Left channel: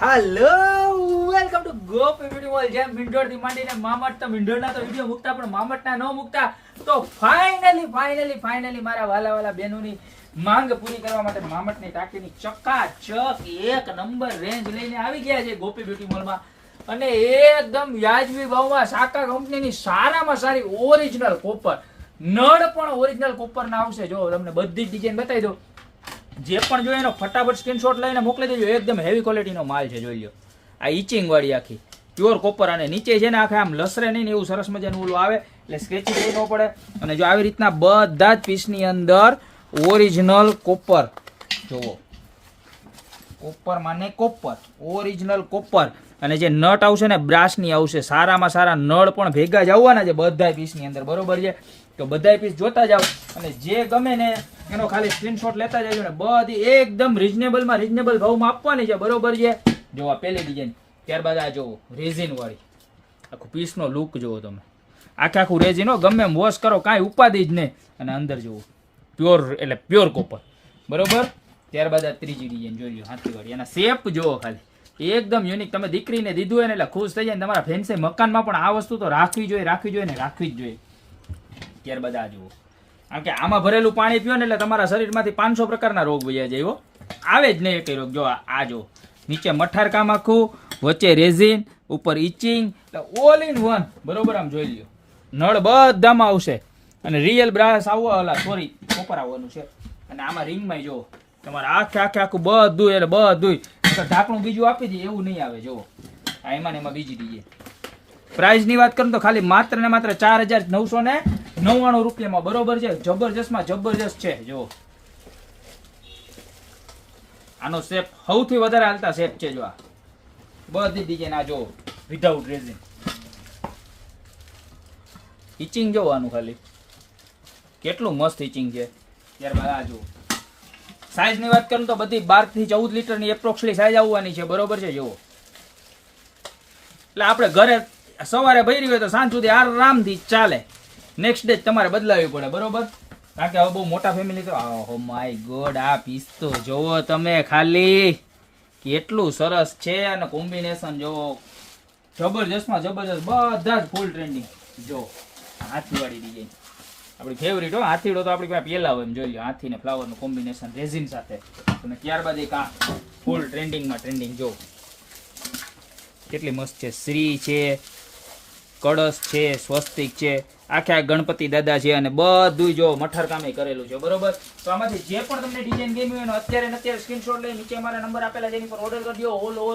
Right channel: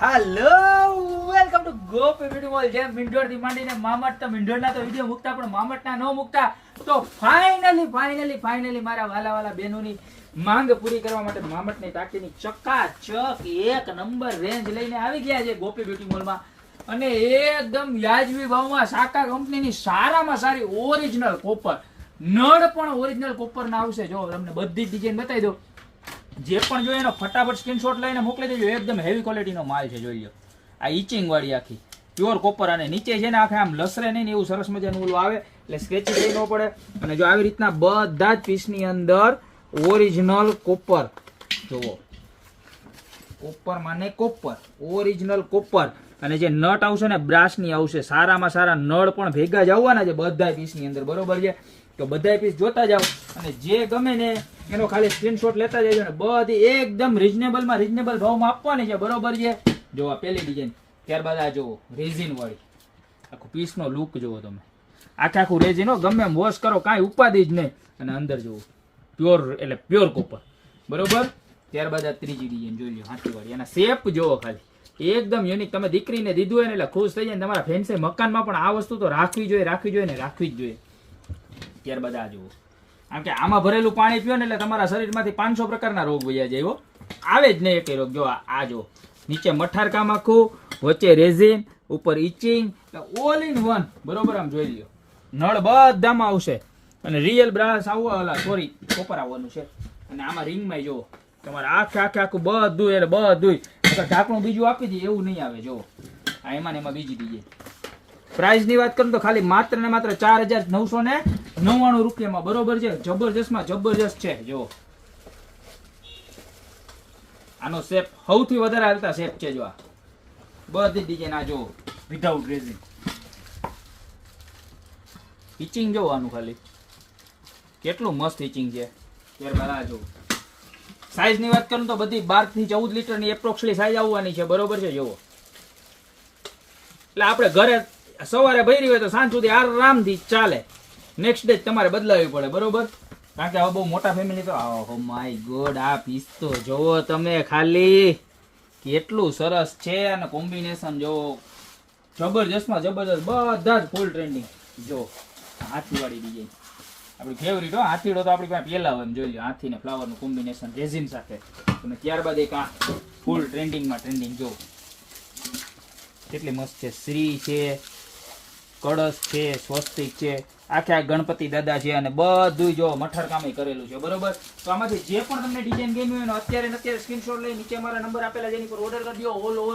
Hello welcome to Gopi beauty mall. જેમ મીંઢોળ થી માંડીને મામટ તો મીંઢોળના તો વિડીયો મૂકતા પણ મામટના ન મૂકતા, તો ફાઇનલી મારા વાલા બહેનોની માંગ પૂરી કરવા માટે મામટની ટાંકીની ચકાચક એક નંબર રેન્જ લઈને આવી ગયા છે ગોપી બ્યુટી મોલમાં. અને એકદમ વ્યાજબી ભાવમાં સાકા કંપનીની સારામાં સારી ઓરિજિનલ કોપર નળ પણ ઓરિજિનલ કોપરના આવશે. જો તમને બધી જ ડિઝાઇન બતાવી દઉં, જે પણ જોઈએ એનો ફટાફટ સ્ક્રીનશોટ લઈને મોકલી દેજો. એકદમ હેવી ક્વોલિટીનો માલ છે, જોઈ લો. આ ઇચિંગ વાળી આખી પ્યોર કોપર, અને નીચે છે ને આખે આમ લસરે નહીં એવું સરસ મજાનું ઓલું આવે, એટલે સ્ક્રેચિંગ ન પડે. અને જો આવી રીતના બધા જ પીસની અંદર ઓરિજિનલ કોપર, જોવો, કોપર માને કોપર, ઓરિજિનલ કોપર. અને જે નટ આવશે ને બ્રાસની આવશે. સારામાં સારા નળ પણ ભેગા જ આવવાના છે બધા પીસની અંદર, બરોબર છે? તો બધા પીસ જોતા જાઓ અને જે ગમે ને એનો ખાલી સ્ક્રીનશોટ લેતા જજો. ને બધી એકદમ રીઝનેબલ ભાવમાં આપવાની છે, બરોબર છે? જો આ પહેલી ડિઝાઇન, ત્યારબાદ આ જોવો રેઝિન વાળી, આખું પીસનો લુક જોવો તમે, આખું રેઝિન હો, ગમે એમ વોશ કરો કાંઈ ઉપાધિ જ નહીં. અને અંદર જોવો પ્યોર, એટલે પ્યોર કોપર, બરોબર? ત્યારબાદ આ ત્રીજી ડિઝાઇન જોઈ લો, હાથીવાળી. એના શેપ જોવો ખાલી, એકદમ યુનિક. તમે દીકરીને દીધું હોય ને એટલે ખુશ થઈ જાય. તમારા ફેન્સી મકાનમાં પણ આ વસ્તુ તો રાખવી જોઈએ ને રાખવી જ જોઈએ. ત્યારબાદ આ જુઓ, કારણ કે આમાં ભરેલું પાણી પીઓ ને એટલે તમારા શરીરમાંથી 500 પ્રકારના રોગ વયા જાય, આવે જ નહીં એક રોગ. જો આ જો નીચે મઠાર કામ આખું, વચ્ચે રેઝિન, ઉપર ઇચિંગ, ઓલ ઇન વન, બરોબર? આમ જોઈ લો, નળ બધામાં આવશે. અને રિયલ બ્રાસ આવવા કોપર આવવાનું છે. અને આમાં રિંગમાં જો તમારે આખું બધું, એટલે બધું ઢાંકણું બીજું આપી દઈએ એવું નહીં આવે. જો આ એમાં બીજી દીજે. પ્રાઇસ ની વાત કરું તો ખાલી માત્ર ને માત્ર 4,999 રૂપિયામાં, બરોબર છે? જબરજસ્ત છે. જો આનો શેપ સૌથી વધારે હાલતા શેપ છે. જો આ બધી ડિઝાઇન, આ જો વિધાઉટ રેઝિન, ઇચિંગ જો આનું ખાલી કેટલું મસ્ત ઇચિંગ છે. ત્યારબાદ આ જો સાઈઝ ની વાત કરું તો બધી 12 થી 14 લીટરની એપ્રોક્સલી સાઈઝ આવવાની છે, બરોબર છે? જુઓ, એટલે આપણે ઘરે સવારે ભરી હોય તો સાંજ સુધી આરામથી ચાલે. નેક્સ્ટ ડે તમારે બદલાવી પડે, બરોબર? કારણ કે હવે બહુ મોટા ફેમિલી તો ઓ માય ગોડ, આ પીસ તો જોવો તમે ખાલી કેટલું સરસ છે. અને કોમ્બિનેશન જોવો, જબરજસ્તમાં જબરજસ્ત, બધા જ ફૂલ ટ્રેન્ડિંગ. જો હાથીવાળી ડિઝાઇન આપણી ફેવરિટ હો. હાથીડો તો આપણી પાસે પેલા હોય, એમ જોઈ લો. હાથી ને ફ્લાવરનું કોમ્બિનેશન રેઝિન સાથે. અને ત્યારબાદ એક આ ફૂલ ટ્રેન્ડિંગ જો કેટલી મસ્ત છે. શ્રી છે, કળશ છે, સ્વસ્તિક છે, આખા ગણપતિ દાદા છે, અને બધું જો મઠર કામે કરેલું છે, બરોબર? તો આમાંથી જે પણ તમને ડિઝાઇન ગમી હોય ને અત્યારે સ્ક્રીનશોટ લઈને નીચે મારા નંબર આપેલા છે એની પર ઓર્ડર કરજો. ઓલ